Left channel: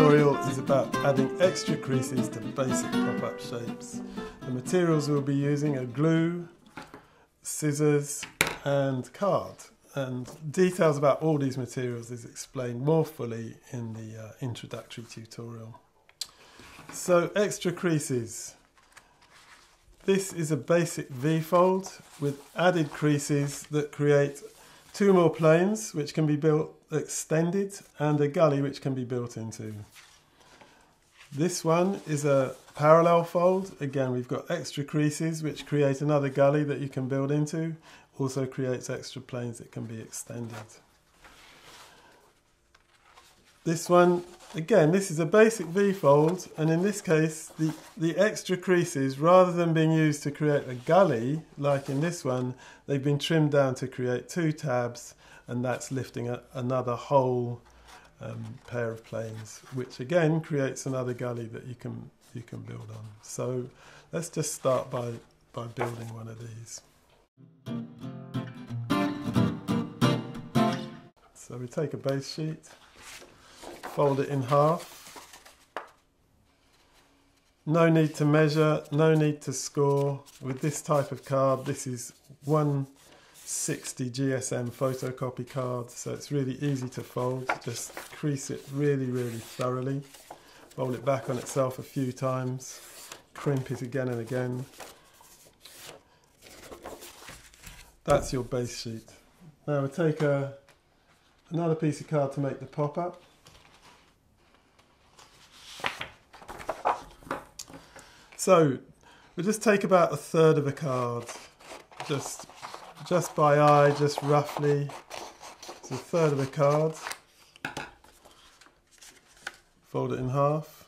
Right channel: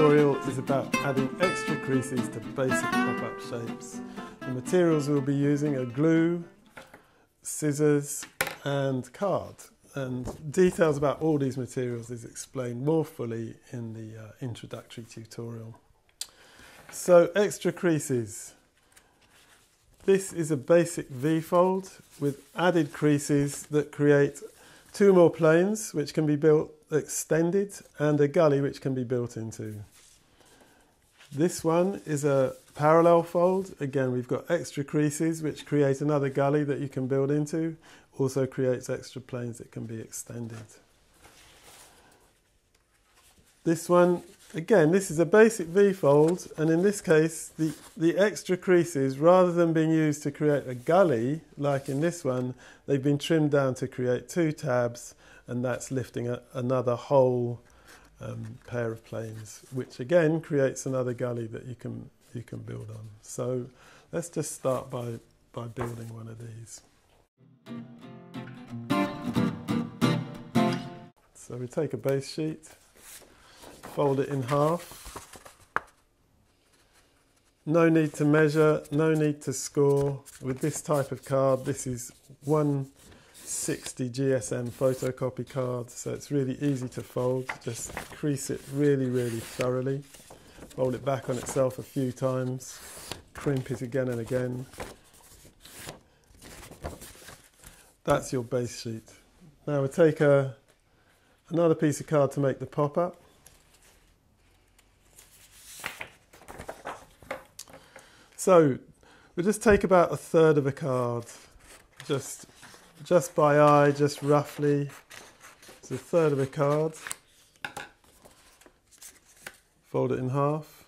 tutorial is about adding extra creases to basic pop-up shapes. The materials we'll be using are glue, scissors and card, and details about all these materials is explained more fully in the introductory tutorial. So, extra creases. This is a basic V-fold with added creases that create two more planes which can be extended and a gully which can be built into. This one is a parallel fold. Again, we've got extra creases which create another gully that you can build into. Also creates extra planes that can be extended. This one, again, this is a basic V-fold, and in this case the extra creases, rather than being used to create a gully like in this one, they've been trimmed down to create two tabs, and that's lifting another whole pair of planes, which again creates another gully that you can build on. So let's just start by building one of these. So we take a base sheet, fold it in half. No need to measure, no need to score. With this type of card, this is 160 GSM photocopy card, so it's really easy to fold. Just crease it really, really thoroughly. Fold it back on itself a few times. Crimp it again and again. That's your base sheet. Now we'll take another piece of card to make the pop-up. So we'll just take about a third of a card, just by eye, just roughly. It's a third of a card. Fold it in half.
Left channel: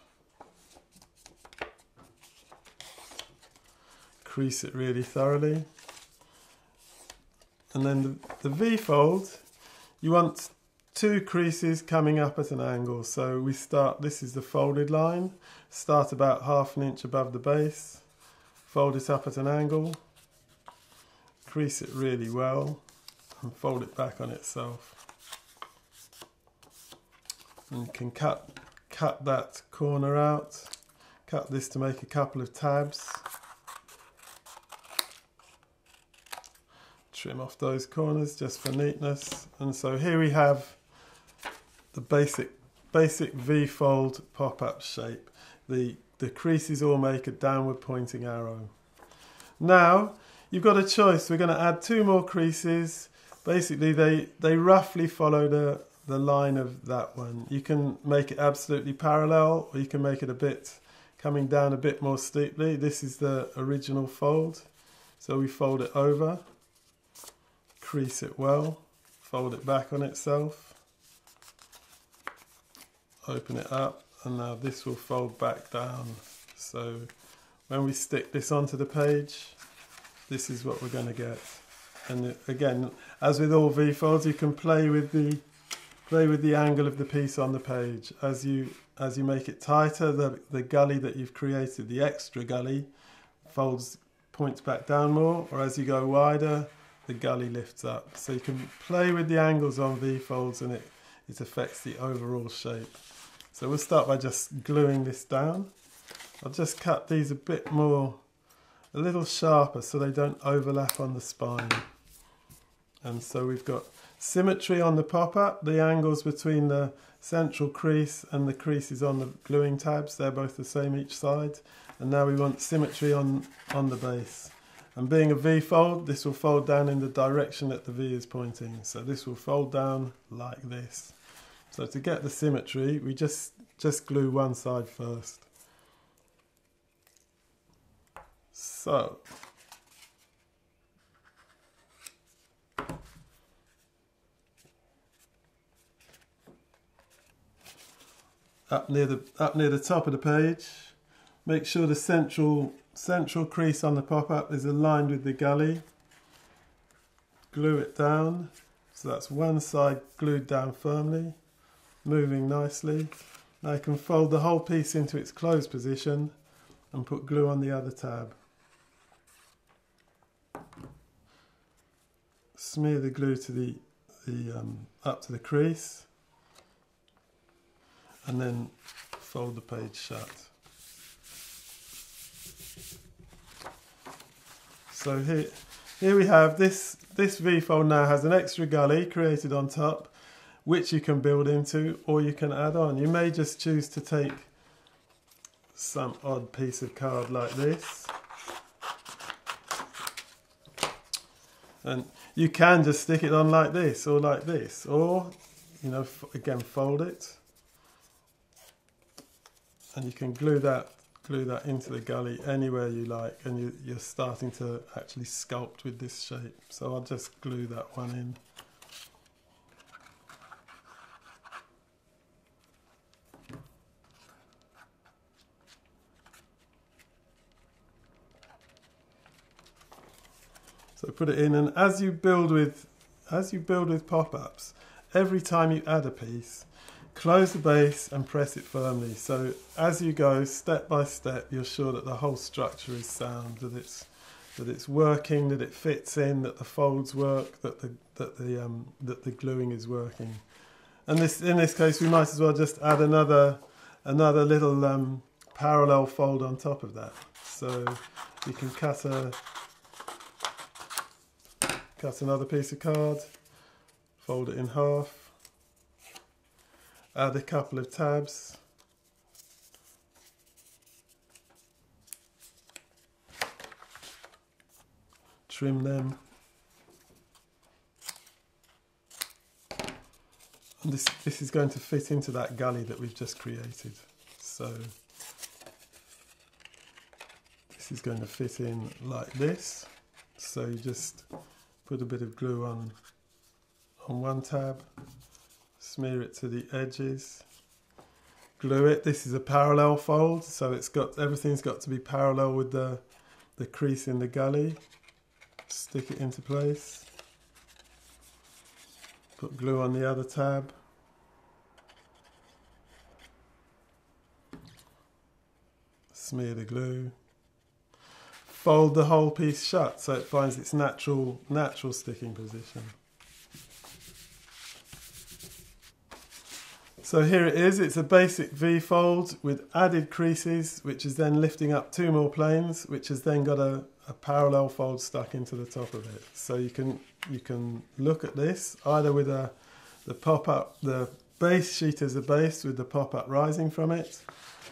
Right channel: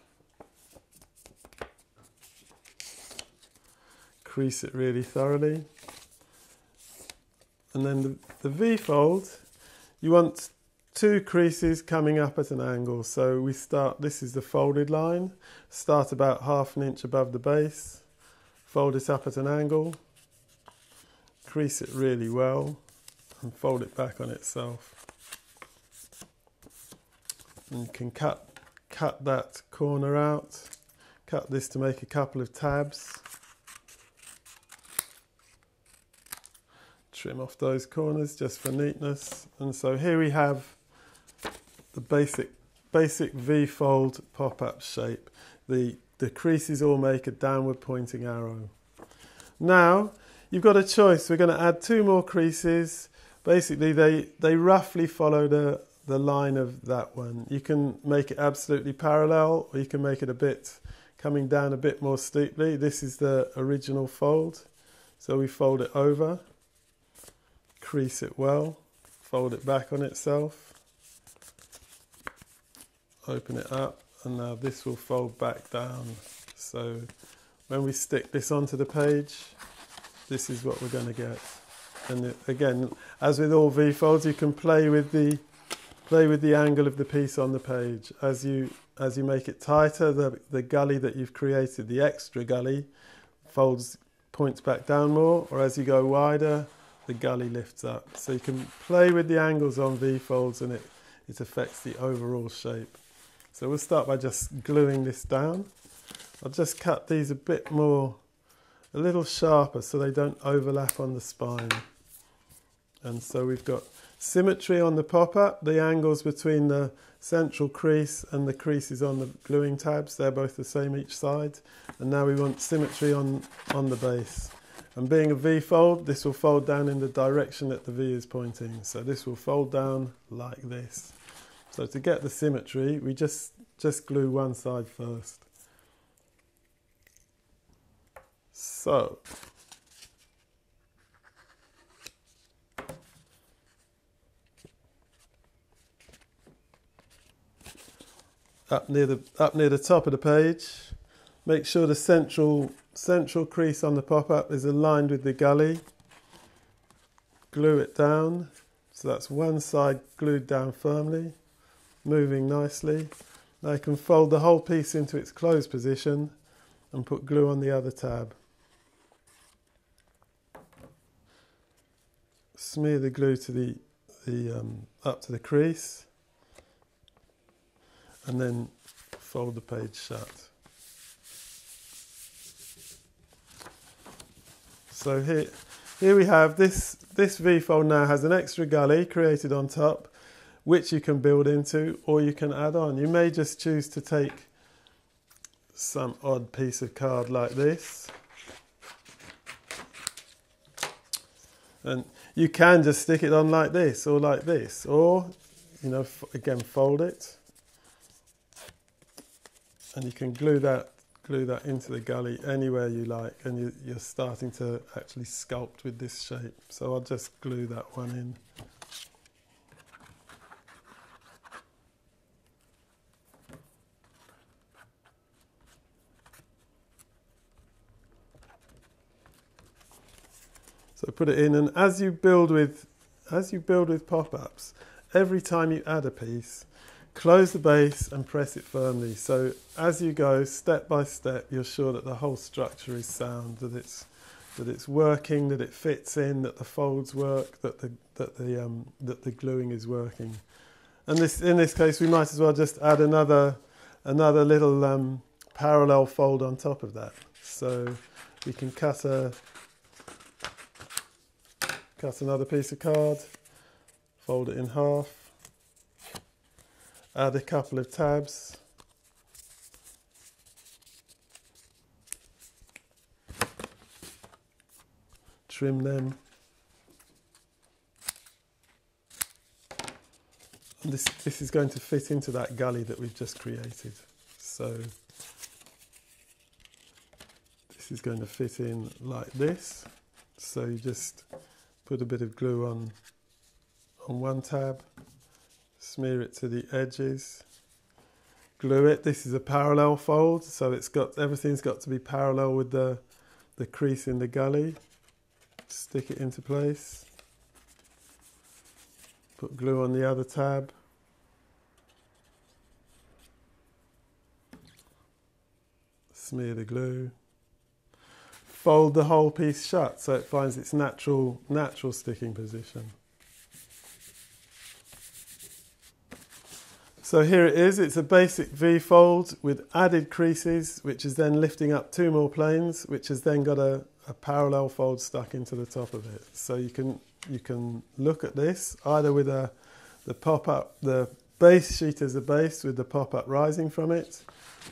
Crease it really thoroughly. And then the V-fold, you want two creases coming up at an angle. So we start, this is the folded line, start about ½ inch above the base, fold it up at an angle, crease it really well, and fold it back on itself. And you can cut that corner out, cut this to make a couple of tabs. Trim off those corners just for neatness. And so here we have the basic V-fold pop-up shape. The creases all make a downward pointing arrow. Now you've got a choice. We're going to add two more creases. Basically they roughly follow the line of that one. You can make it absolutely parallel, or you can make it a bit coming down a bit more steeply. This is the original fold. So we fold it over, crease it well, fold it back on itself, open it up, and now this will fold back down. So when we stick this onto the page, this is what we're going to get. And again, as with all V-folds, you can play with the angle of the piece on the page. As you make it tighter, the gully that you've created, the extra gully, points back down more, or as you go wider, the gully lifts up. So you can play with the angles on V-folds, and it affects the overall shape. So we'll start by just gluing this down. I'll just cut these a bit more, a little sharper, so they don't overlap on the spine. And so we've got symmetry on the pop-up, the angles between the central crease and the creases on the gluing tabs, they're both the same each side. And now we want symmetry on the base. And being a V-fold, this will fold down in the direction that the V is pointing. So this will fold down like this. So to get the symmetry, we just glue one side first. So up near the top of the page, make sure the central crease on the pop-up is aligned with the gully. Glue it down, so that's one side glued down firmly, moving nicely. Now you can fold the whole piece into its closed position and put glue on the other tab. Smear the glue to up to the crease. and then fold the page shut. So here we have this V-fold now has an extra gully created on top, which you can build into or you can add on. You may just choose to take some odd piece of card like this, and you can just stick it on like this, or you know, again, fold it, and you can glue that into the gully anywhere you like, and you're starting to actually sculpt with this shape. So I'll just glue that one in. So put it in, and as you build with pop-ups, every time you add a piece, close the base and press it firmly. So as you go step by step, you're sure that the whole structure is sound, that it's working, that it fits in, that the folds work, that the gluing is working. And in this case, we might as well just add another little parallel fold on top of that. So we can cut another piece of card, fold it in half, add a couple of tabs, trim them. This is going to fit into that gully that we've just created. So this is going to fit in like this. So you just put a bit of glue on one tab, smear it to the edges, glue it. This is a parallel fold, so everything's got to be parallel with the crease in the gully. Stick it into place. Put glue on the other tab. Smear the glue. Fold the whole piece shut so it finds its natural sticking position. So here it is. It's a basic V-fold with added creases, which is then lifting up 2 more planes, which has then got a parallel fold stuck into the top of it. So you can look at this either with the pop-up, the base sheet as a base with the pop-up rising from it,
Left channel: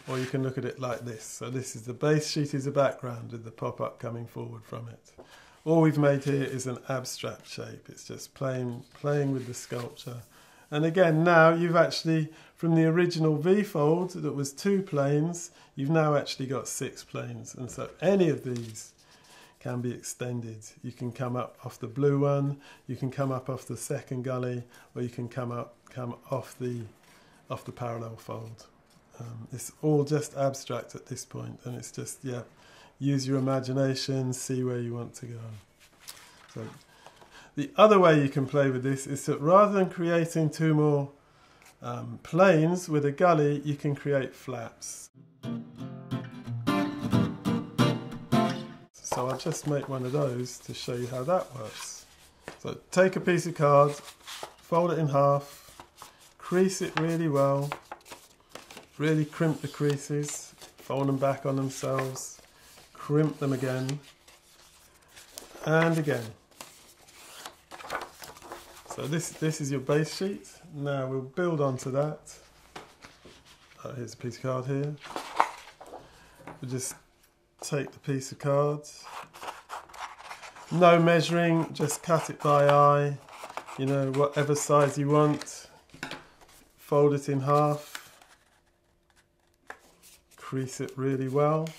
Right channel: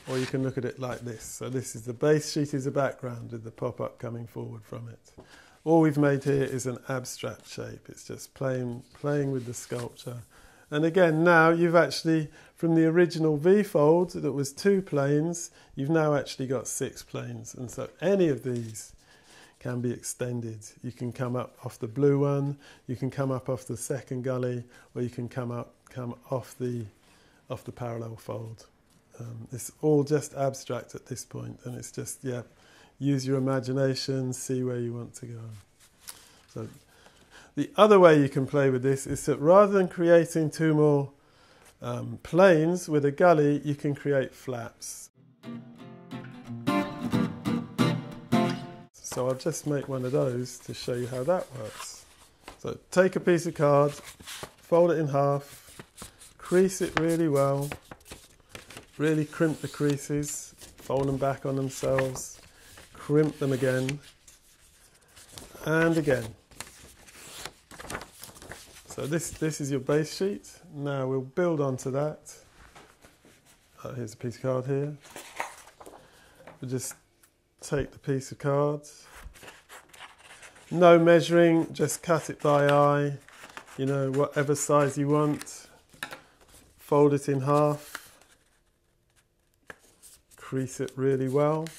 or you can look at it like this. So this is the base sheet as a background with the pop-up coming forward from it. All we've made here is an abstract shape. It's just playing with the sculpture. And again, now you've actually, from the original V-fold that was 2 planes, you've now actually got 6 planes. And so any of these can be extended. You can come up off the blue one, you can come up off the second gully, or you can come off the parallel fold. It's all just abstract at this point, and it's just, yeah, use your imagination, see where you want to go. So the other way you can play with this is that rather than creating 2 more planes with a gully, you can create flaps. So I'll just make one of those to show you how that works. So take a piece of card, fold it in half, crease it really well, really crimp the creases, fold them back on themselves, crimp them again, and again. So this is your base sheet. Now we'll build onto that. Here's a piece of card here. We'll just take the piece of card. No measuring, just cut it by eye. You know, whatever size you want. Fold it in half. Crease it really well,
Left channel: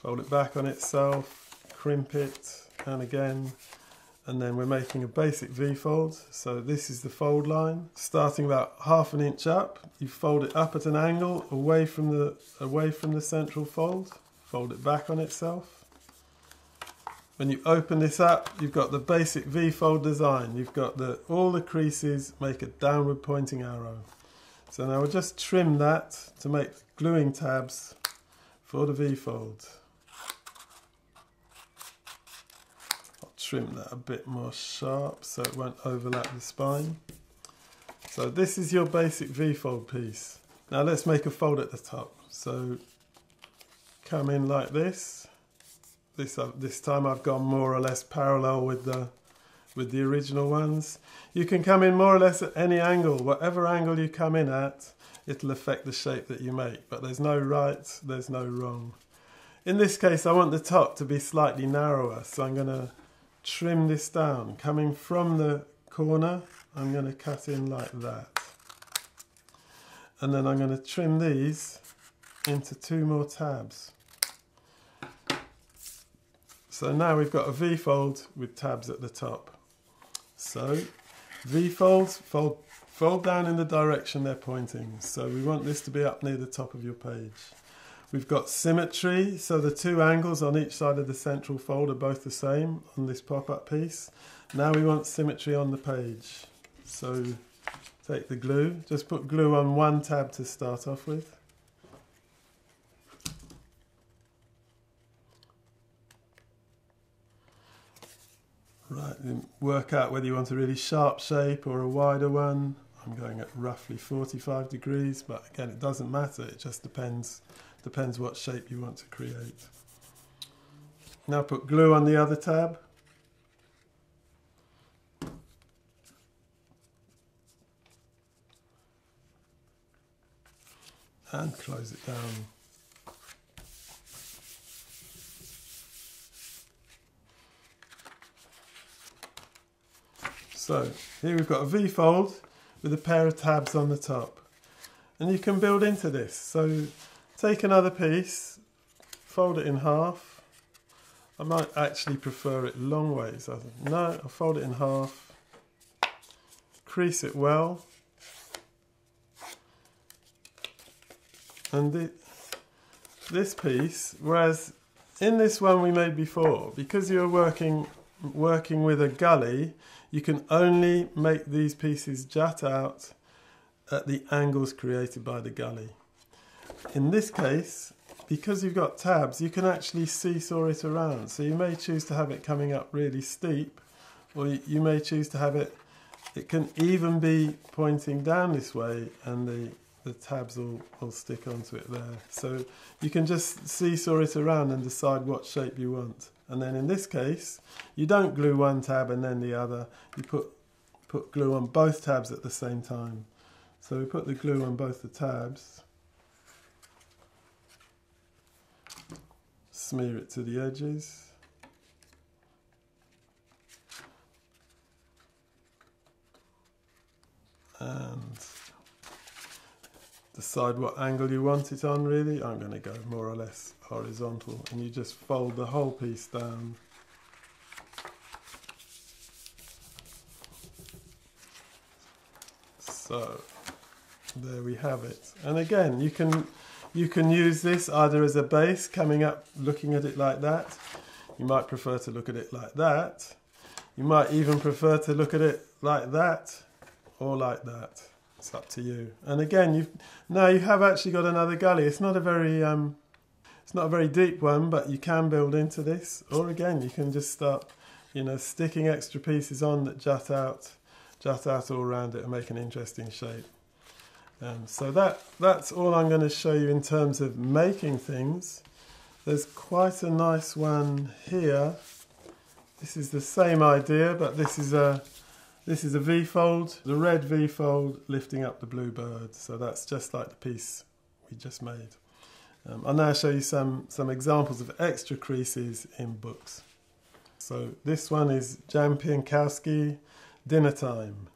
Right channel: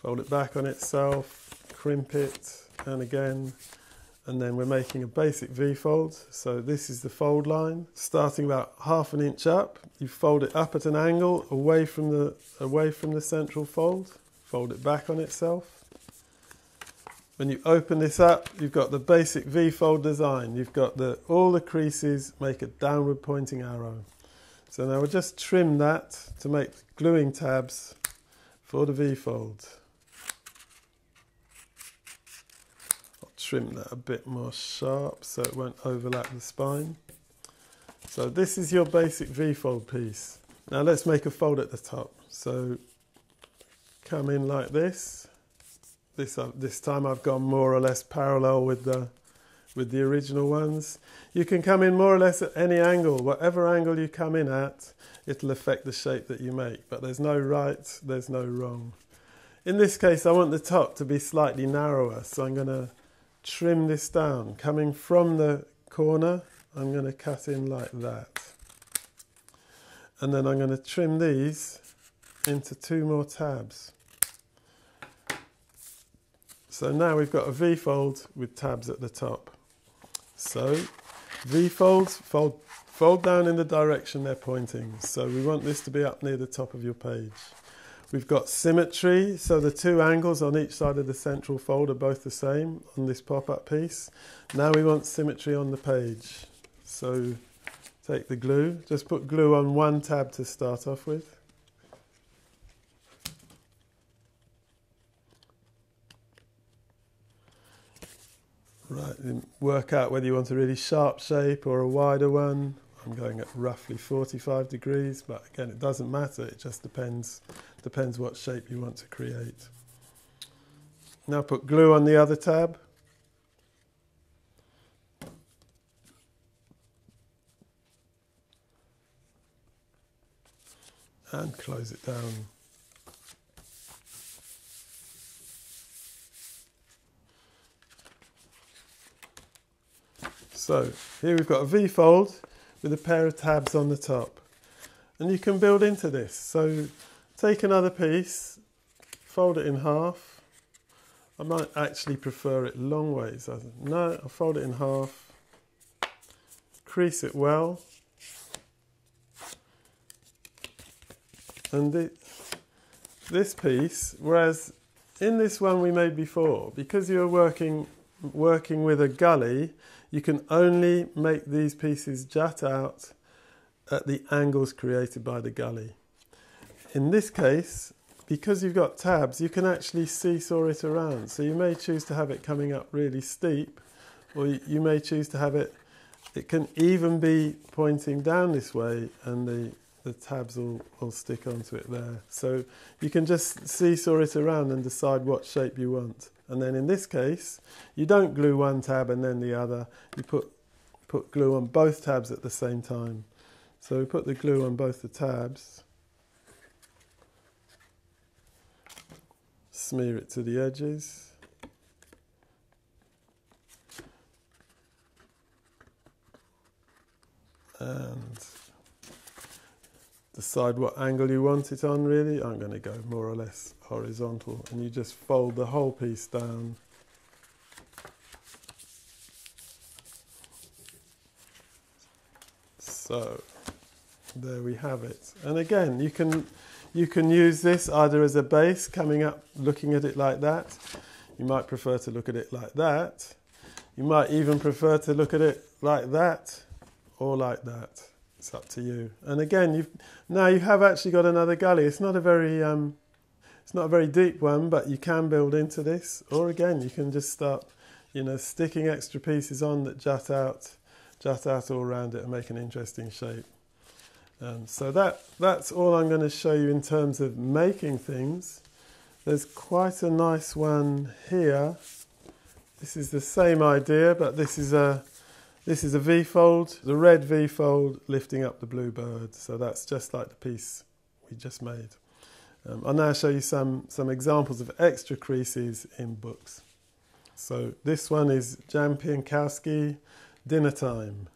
fold it back on itself, crimp it, and again, and then we're making a basic V-fold. So this is the fold line, starting about ½ an inch up. You fold it up at an angle away from the central fold, fold it back on itself. When you open this up, you've got the basic V-fold design. You've got all the creases make a downward pointing arrow. So now we'll just trim that to make gluing tabs for the V-fold. I'll trim that a bit more sharp so it won't overlap the spine. So this is your basic V-fold piece. Now let's make a fold at the top. So come in like this. This time I've gone more or less parallel with the original ones. You can come in more or less at any angle. Whatever angle you come in at, it'll affect the shape that you make. But there's no right, there's no wrong. In this case, I want the top to be slightly narrower, so I'm going to trim this down. Coming from the corner, I'm going to cut in like that. And then I'm going to trim these into 2 more tabs. So now we've got a V-fold with tabs at the top. So V-folds, fold down in the direction they're pointing. So we want this to be up near the top of your page. We've got symmetry, so the 2 angles on each side of the central fold are both the same on this pop-up piece. Now we want symmetry on the page. So take the glue, just put glue on 1 tab to start off with. Right, and work out whether you want a really sharp shape or a wider one. I'm going at roughly 45 degrees, but again, it doesn't matter. It just depends what shape you want to create. Now put glue on the other tab. And close it down. So here we've got a V-fold with a pair of tabs on the top. And you can build into this. So take another piece, fold it in half. I might actually prefer it long ways. No, I'll fold it in half, crease it well. And this piece, whereas in this one we made before, because you were working with a gully, you can only make these pieces jut out at the angles created by the gully. In this case, because you've got tabs, you can actually seesaw it around. So you may choose to have it coming up really steep, or you may choose to have it can even be pointing down this way, and the tabs will stick onto it there. So you can just seesaw it around and decide what shape you want. And then in this case, you don't glue 1 tab and then the other. You put glue on both tabs at the same time. So we put the glue on both the tabs. Smear it to the edges. And decide what angle you want it on, really. I'm going to go more or less horizontal, and you just fold the whole piece down. So there we have it. And again, you can use this either as a base, coming up, looking at it like that. You might prefer to look at it like that. You might even prefer to look at it like that or like that. It's up to you. And again, now you have actually got another gully. It's not a very deep one, but you can build into this. Or again, you can just start, sticking extra pieces on that jut out all around it and make an interesting shape. So that's all I'm going to show you in terms of making things. There's quite a nice one here. This is the same idea, but this is a V-fold, the red V-fold lifting up the blue bird. So that's just like the piece we just made. I'll now show you some examples of extra creases in books. So this one is Jan Pienkowski, Dinner Time.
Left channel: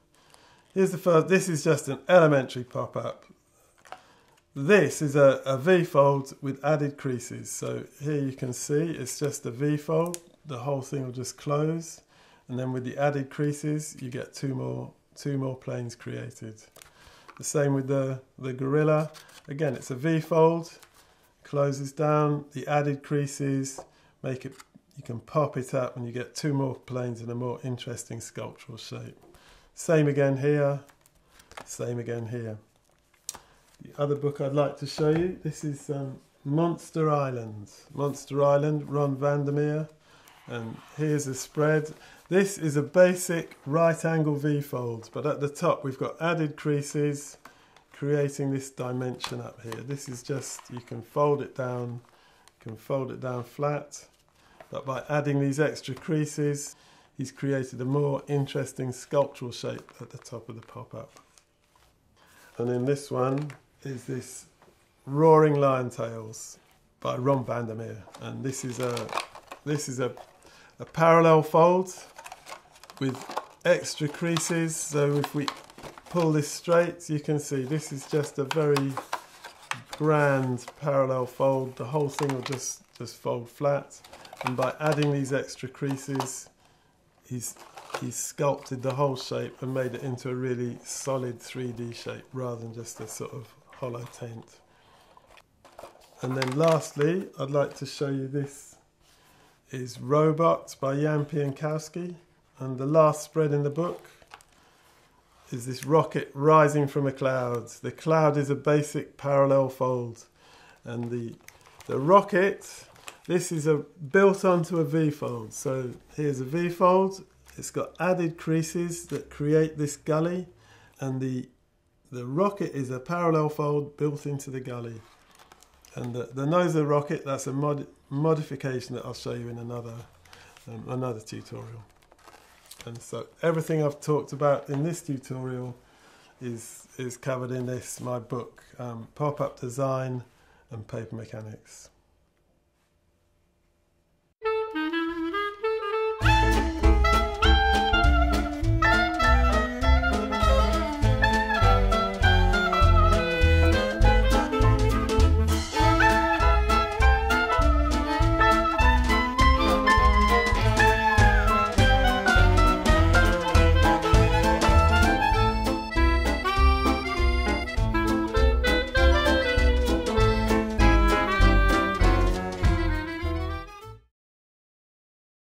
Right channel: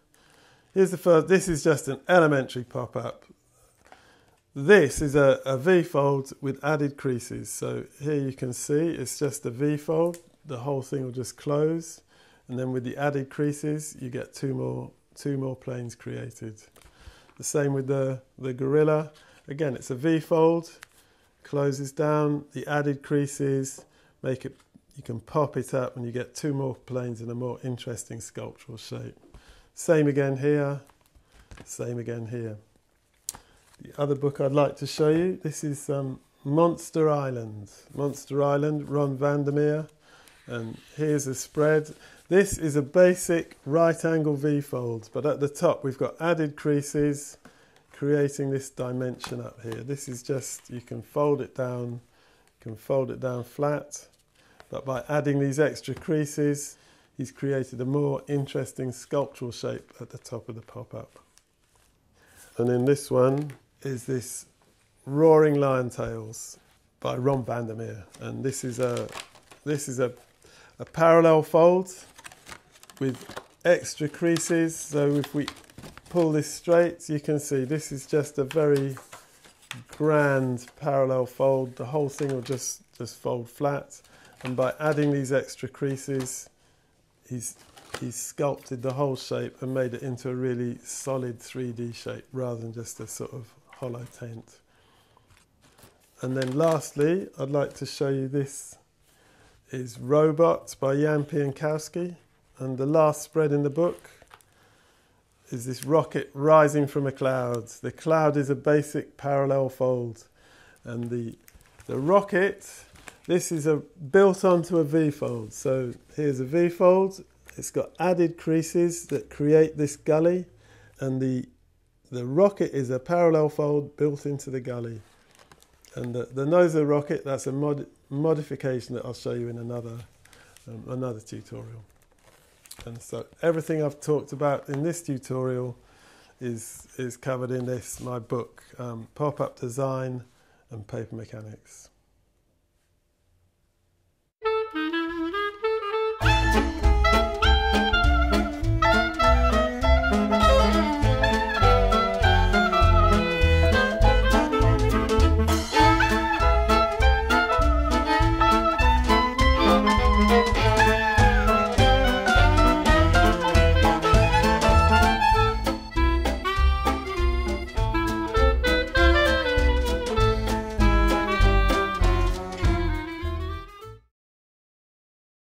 Here's the first. This is just an elementary pop-up. This is a V-fold with added creases. So here you can see it's just a V-fold. The whole thing will just close. And then with the added creases, you get two more planes created. The same with the gorilla. Again, it's a V-fold, closes down, the added creases make it, you can pop it up and you get 2 more planes in a more interesting sculptural shape. Same again here, same again here. The other book I'd like to show you, this is Monster Island. Monster Island, Ron Vandermeer. And here's a spread. This is a basic right angle V-fold, but at the top we've got added creases creating this dimension up here. This is just, you can fold it down flat, but by adding these extra creases, he's created a more interesting sculptural shape at the top of the pop-up. And then this one is this Roaring Lion Tales by Ron Vandermeer, and this is a parallel fold with extra creases. So if we pull this straight, you can see this is just a very grand parallel fold. The whole thing will just fold flat, and by adding these extra creases, he's sculpted the whole shape and made it into a really solid 3D shape rather than just a sort of hollow taint. And then lastly, I'd like to show you this is Robots by Jan Pienkowski, and the last spread in the book is this rocket rising from a cloud. The cloud is a basic parallel fold, and the rocket, this is built onto a V-fold. So here's a V-fold, it's got added creases that create this gully, and the rocket is a parallel fold built into the gully. And the nose of the rocket, that's a modification that I'll show you in another tutorial. And so everything I've talked about in this tutorial is covered in my book, Pop-Up Design and Paper Mechanics.